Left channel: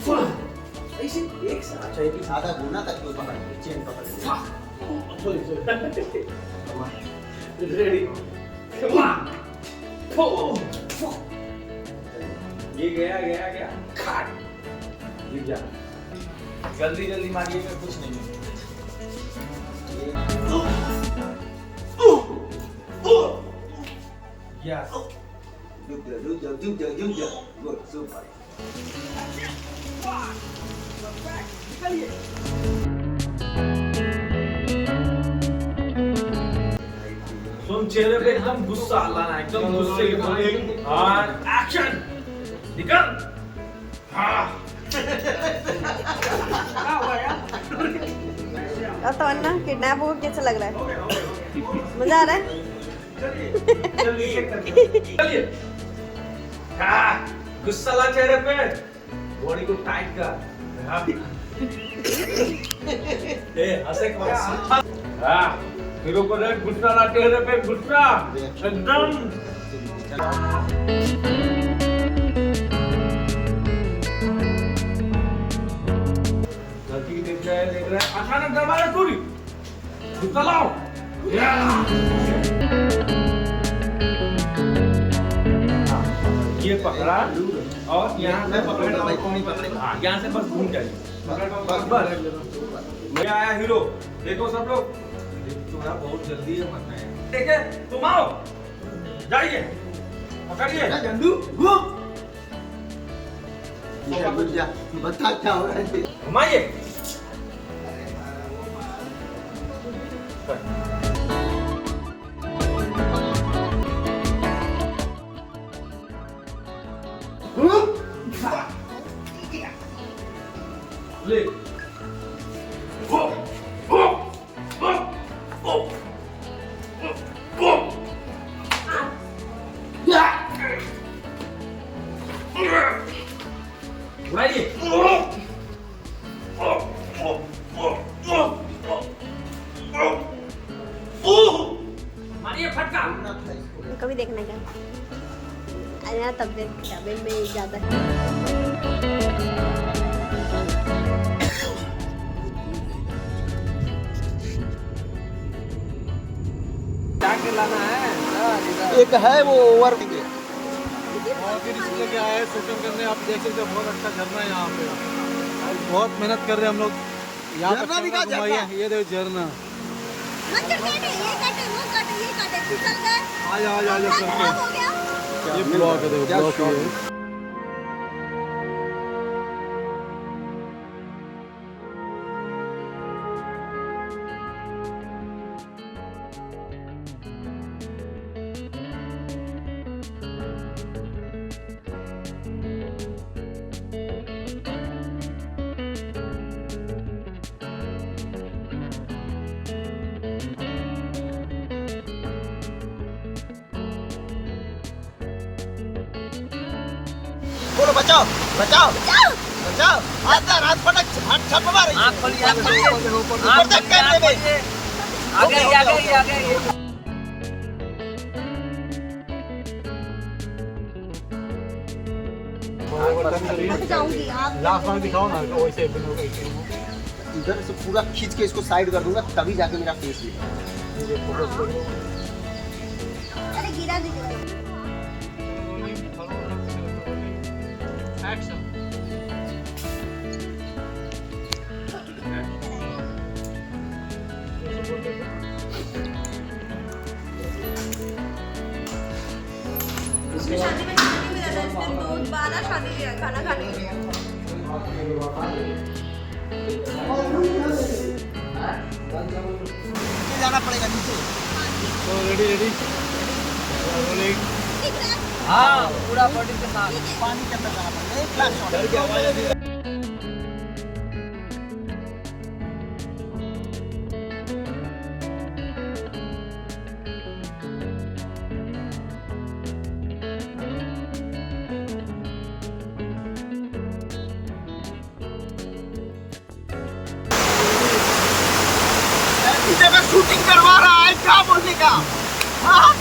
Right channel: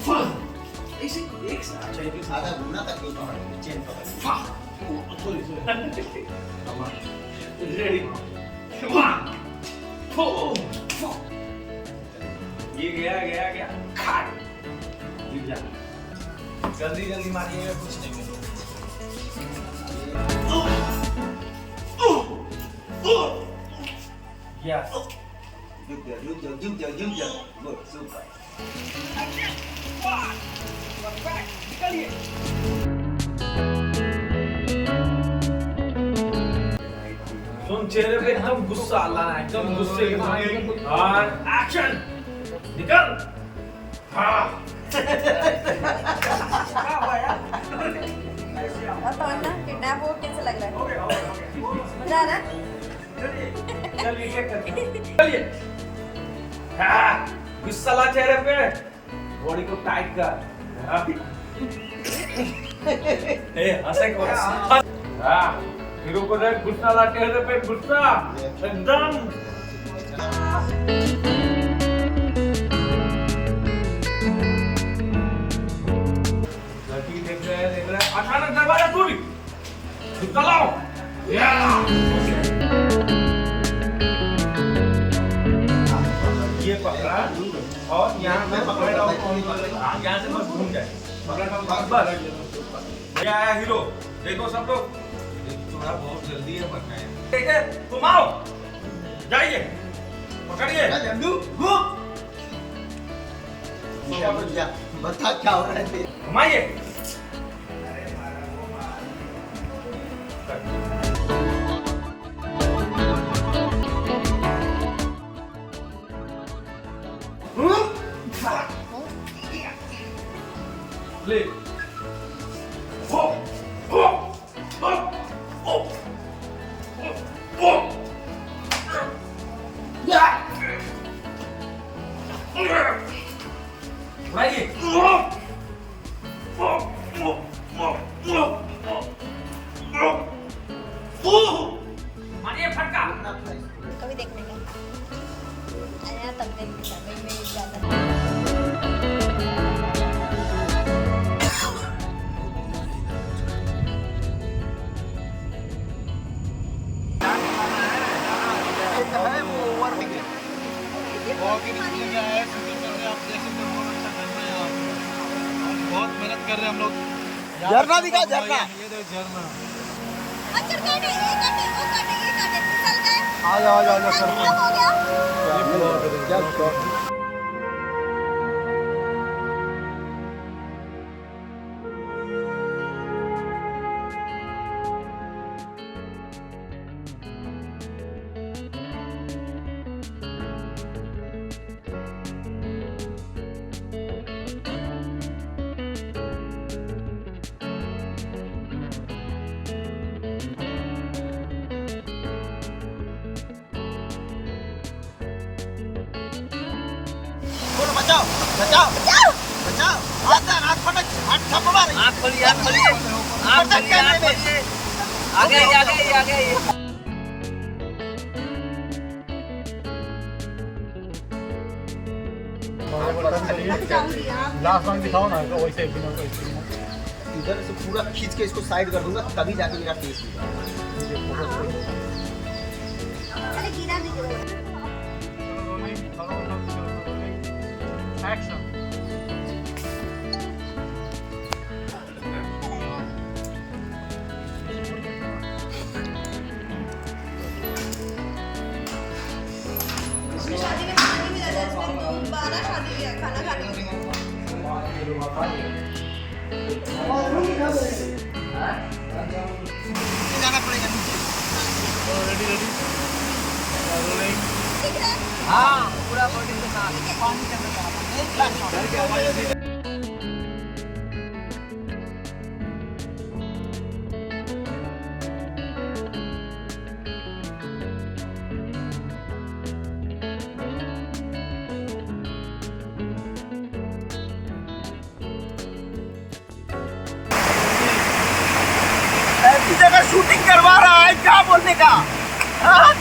इसे एक साथ चाहिए आधा घूमना ताकि वो पकड़ चेन पकड़ सॉरी रेडी ये गया खा जा जल्दी मारिएगा कुछ नहीं Yes. Good job. Good, super. तुम चेहरे पे एकदम गुस्सा लाना है, एकदम गुस्से के साथ और एक्शन निकल। तो अन्ना किडनैप हो कैसा लग रहा है? मजा आ रहा है? चलिए गुस्सा ला चेहरे पे, बॉडी को टाइट कर। हंसे हीरो को देख, गुस्सा ला चेहरे पे, गुस्सा एकदम। देख रहा है अचानक दरवाजा टूटी, गुस्सा लाओ। ये पकड़ा और यहाँ मैं पकड़ेगा, यहाँ से बस घूम जाए, बस। ये आया हीरो, देखो सब लोग, थोड़ा बहुत जल्दी है मरना है। ठीक है, तुम आओ, जाइए, पकड़िए, जल्दू घूम। बता क्या हो रहा है? घुमाइए। ले कभी देखने का आया तब देखने का मैं ज्यादा एक है वो ओवर में लगा है शूटिंग करने। आप देख सकते हैं बहुत अच्छा झरना है यहाँ पे, बहुत मेहनत कर रहे हैं हम लोग। झरना दिखा, झरना ये देखो झरना। आ जाओ करके बचाओ बचाओ बचाओ बचाओ। हाथ फटक, हाथ थप्पड़ मार, हाथ फटी, हाथ फटी। आ गई। लास्ट में दिखाओ ना, तो वैसे इधर से पूरा खींच के इसको साइड कर दूंगा, तभी जाके मेरा फेस शादी में खाने में जाता है, इसने 12 शादी लिया खाना खाने के लिए। जाना पड़ेगा नीचे। रेडी हाँ पूरा बॉडी के साथ पानी के अंदर जाना पड़ेगा। ऐसी जगह शूटिंग करवा रहा है, क्या बोलने का? हाँ?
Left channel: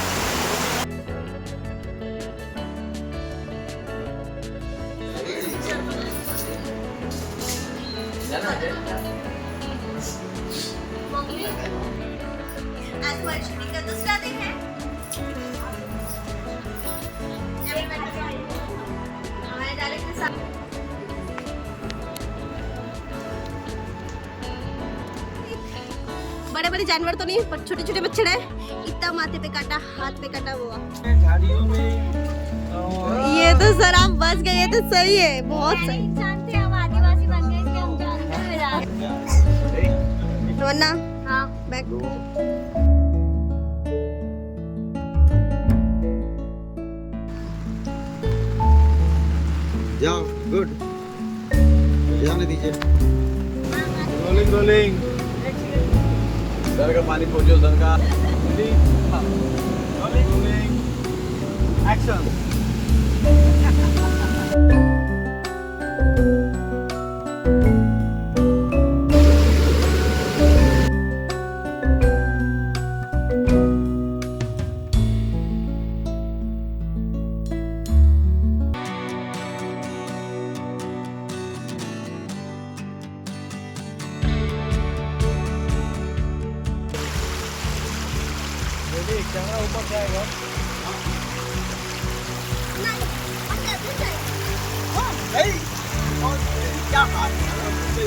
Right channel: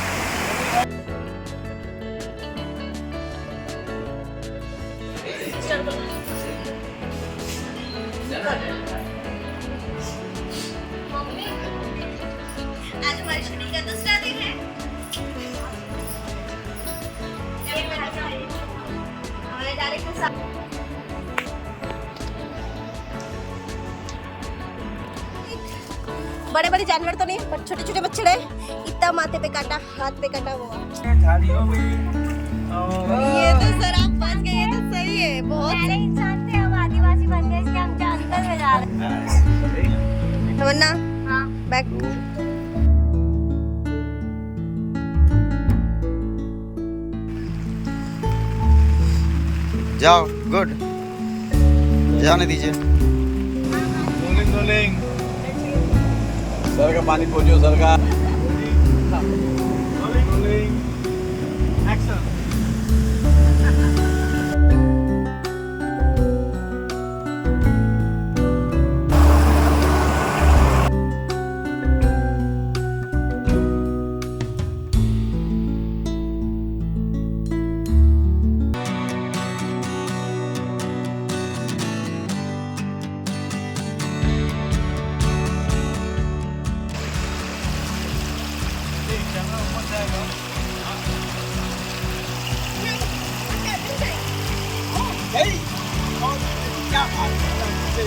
बड़े बड़े जानवर तो नहीं पर छोटे छोटे बछड़े, इतना माथे पे काटा, हाथ पे काटा हुआ। झाड़ियों में ये तो सर आप बच गए तो सही है, बहुत सही। इंसान थे हम आदिवासी बन गए, इसलिए हम जंगल में जा रहे हैं। तमन्ना हाँ बैक। जाओ, गुड, जाने दीजिए। Rolling rolling. सर का पानी खोलो सर का। Rolling rolling. एक्शन। क्या बात है।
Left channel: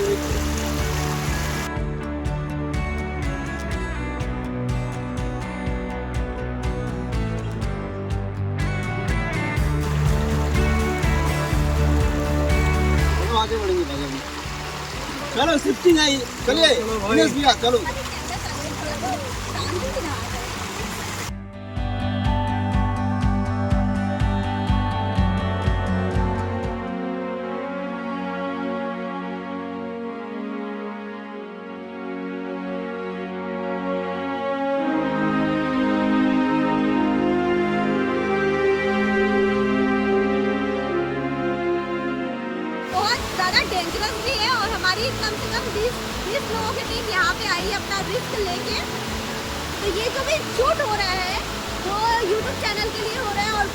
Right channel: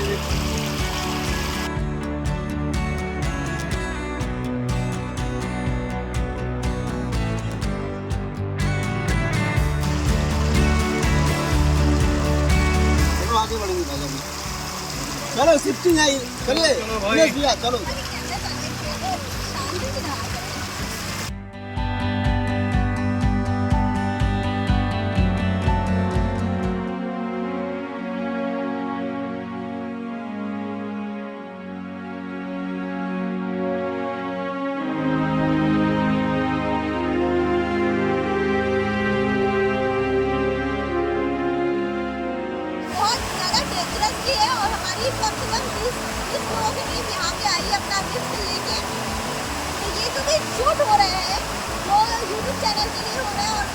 चलो आगे बढ़ेंगे भाई। चलो शिफ्टिंग है, चलिए उमेश भैया चलो।